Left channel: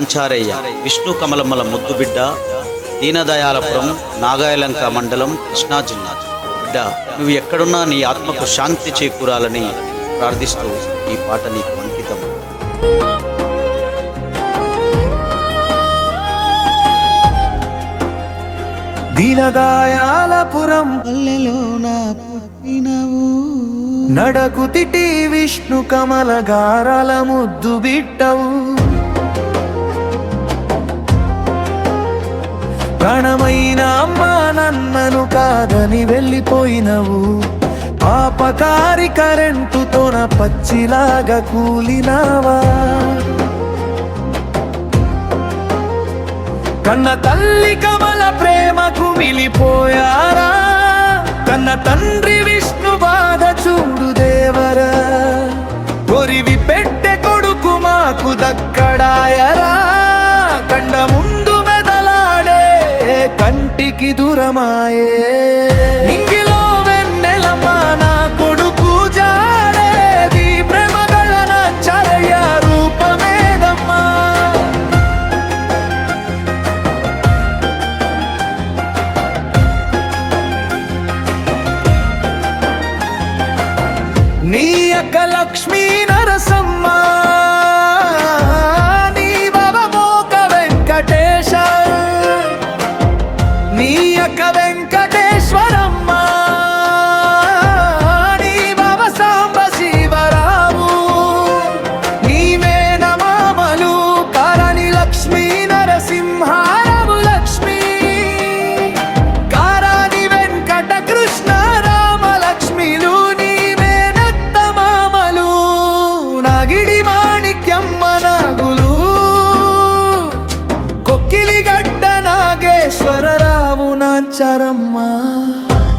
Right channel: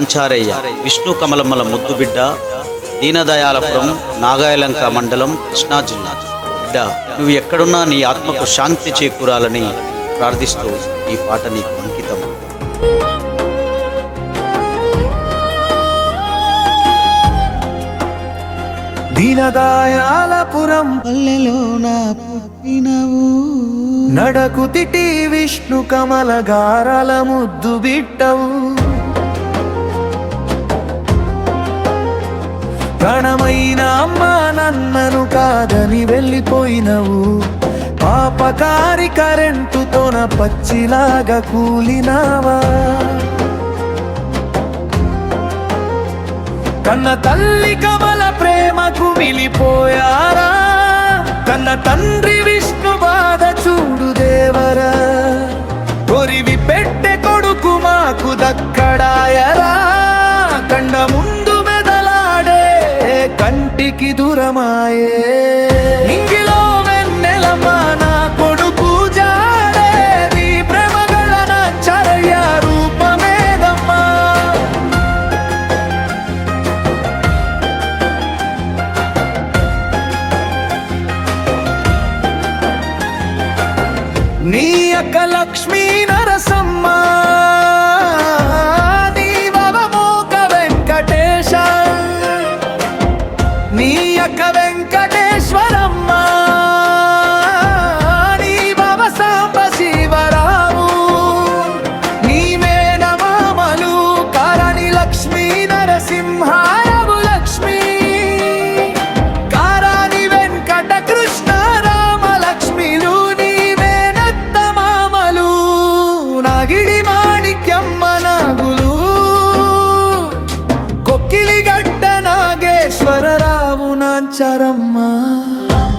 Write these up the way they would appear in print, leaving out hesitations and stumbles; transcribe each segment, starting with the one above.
నాంచారయ్య విష్ణు కమలమ్మల ముద్దు బిడ్డ దీనదయాలపురం నాగాయలంక మండలం కృష్ణా జిల్లా. బిడ్డ, నువ్వు ఎక్కడున్నా నీ ఆత్మకు శాంతి చేకూరాలని ప్రార్థిస్తున్నాను. దీనదయాలపురం నడకుతిటి విష్ణు కమల గారాల ముద్దు బిట్టవు. ప్రాణమైన అమ్మా నన్నను కాదని వెళ్ళిపోయినవు. పాపకారి కరెంటుతోన పచ్చిలాగా కూలినావా. కన్న తల్లి కమల ప్రేమకు మిలిపోయారా. కన్న తండ్రి విష్ణు బాధ చూడు దేవరా. కొరివి పెట్టె కొడుకు మాకు దక్కడాయరా. కండ ముందు మెదలాడే కంటికి దూరమాయే. ఇంగిలో వెన్నెలమ్మా నా కొడుకు జాడేది. ప్రేమగల నాంచారయ్య రూపమేదమ్మా. నీ అక్క లక్ష్మీ నరసమ్మ, నీ బావ మోక వెంకటేశ, నీ అక్క వెంకటేశ్వరమ్మ, నీ బావ సాంబ శివరావు, నీ మేనమామలు కారణి లక్ష్మీ నరసింహారావు లక్ష్మీ, కారాని వెంకట కృష్ణ రామ లక్ష్మిలు, నాగిడి మాణిక్యమ్మ నాగులు, కొక్కిలిగడ్డ నాగేశ్వరరావు నాంచారమ్మ,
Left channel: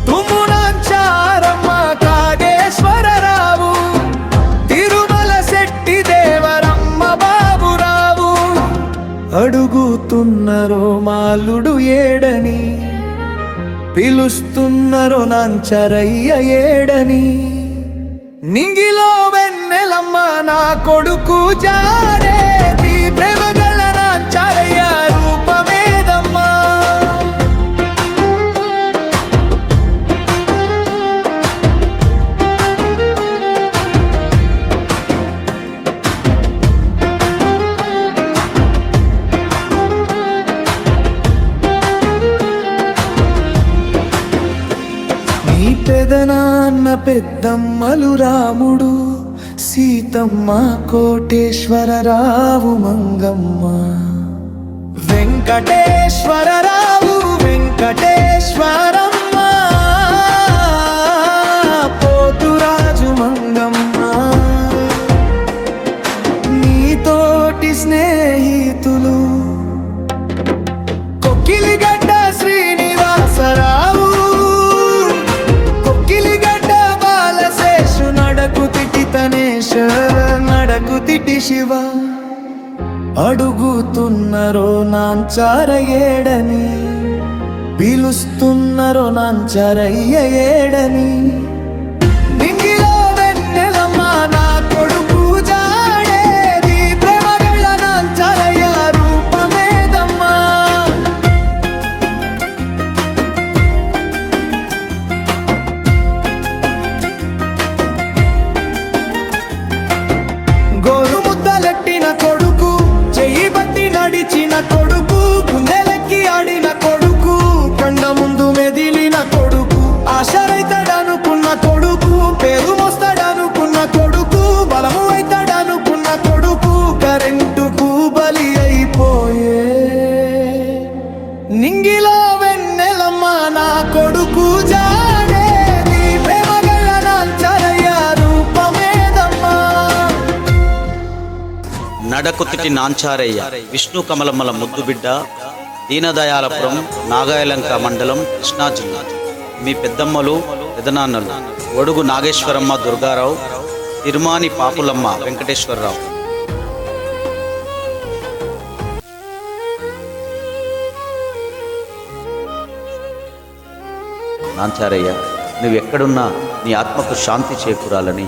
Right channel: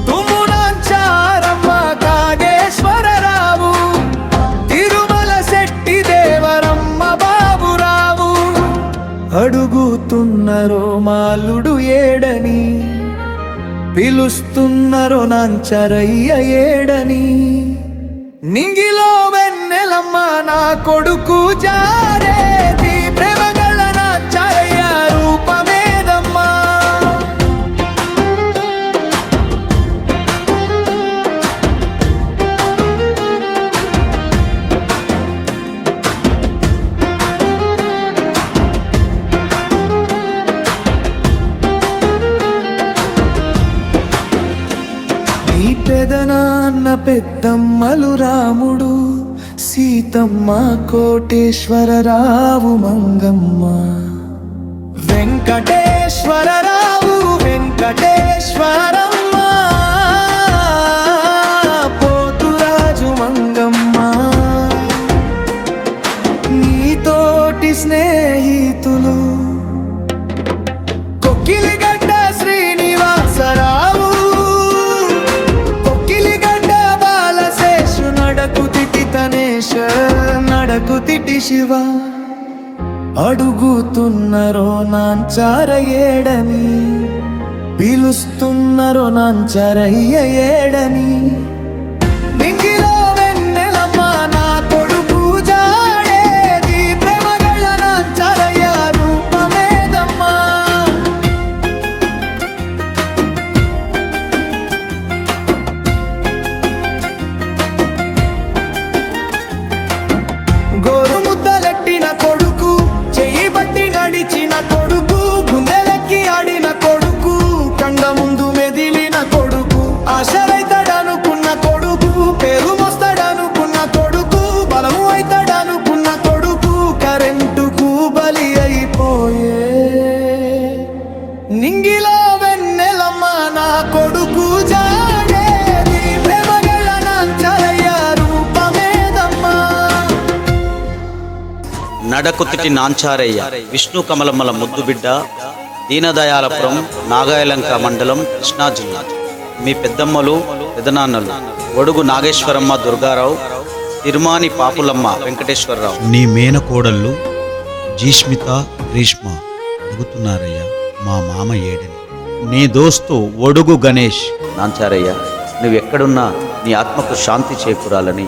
తుమ్ము నాంచారమ్మ కాగేశ్వరరావు, తిరుమల శెట్టి దేవరమ్మ బాబురావు. అడుగుతున్నరో మాలుడు ఏడని, పిలుస్తున్నరో నాంచారయ్య ఏడని. నింగిలో వెన్నెలమ్మ నా కొడుకు జారేది. ప్రేమగల నాంచారయ్య రూపమేదమ్మా. నీ పెదనాన్న పెద్దమ్మలు రాముడు సీతమ్మ కోటేశ్వరరావు మంగమ్మ, వెంకటేశ్వరరావు వెంకటేశ్వరమ్మ, పోతురాజు మంగమ్మ. నీతోటి స్నేహితులు కొక్కిలిగడ్డ శ్రీనివాసరావు, నడకుతిటి తనేశ, నడకుతిటి శివ. అడుగుతున్నరో నాంచార ఏడని, పిలుస్తున్నరో నాంచారయ్య ఏడని. నింగిలో వెన్నెలమ్మ నా కొడుకు జాడేది. ప్రేమగల నాంచారయ్య రూపమేదమ్మా. గోరు ముద్దలెట్టిన కొడుకు, చెయ్యి బట్టి నడిచిన కొడుకు, గుండెలెక్కి ఆడిన కొడుకు, కండ ముందు మెదిలిన కొడుకు, ఆశరైతాడనుకున్న కొడుకు, పేరు మోస్తాడనుకున్న కొడుకు, బలము అవుతాడనుకున్న కొడుకు, కరెంటుకు బలి అయిపోయే. నింగిలో వెన్నెలమ్మ నా కొడుకు జాడేది. ప్రేమగల నాంచారయ్య రూపమేదమ్మా. నడకుతిటి నాంచారయ్య విష్ణు కమలమ్మల ముద్దు బిడ్డ దీనదయాలపురం నాగాయలంక మండలం కృష్ణా జిల్లా. మీ పెద్దమ్మలు పెదనాన్నలు గొడుగు నాగేశ్వరమ్మ దుర్గారావు, తిరుమాని పాపులమ్మ వెంకటేశ్వరరావు. నీ మేనకోడళ్ళు జీష్మిత గ్రీష్మ అడుగుతున్నారయ్య మా మామ ఏడని. నీ దోస్తు ఒడుగు గణేష్. నాంచారయ్య, నువ్వు ఎక్కడున్నా నీ ఆత్మకు శాంతి చేకూరాలని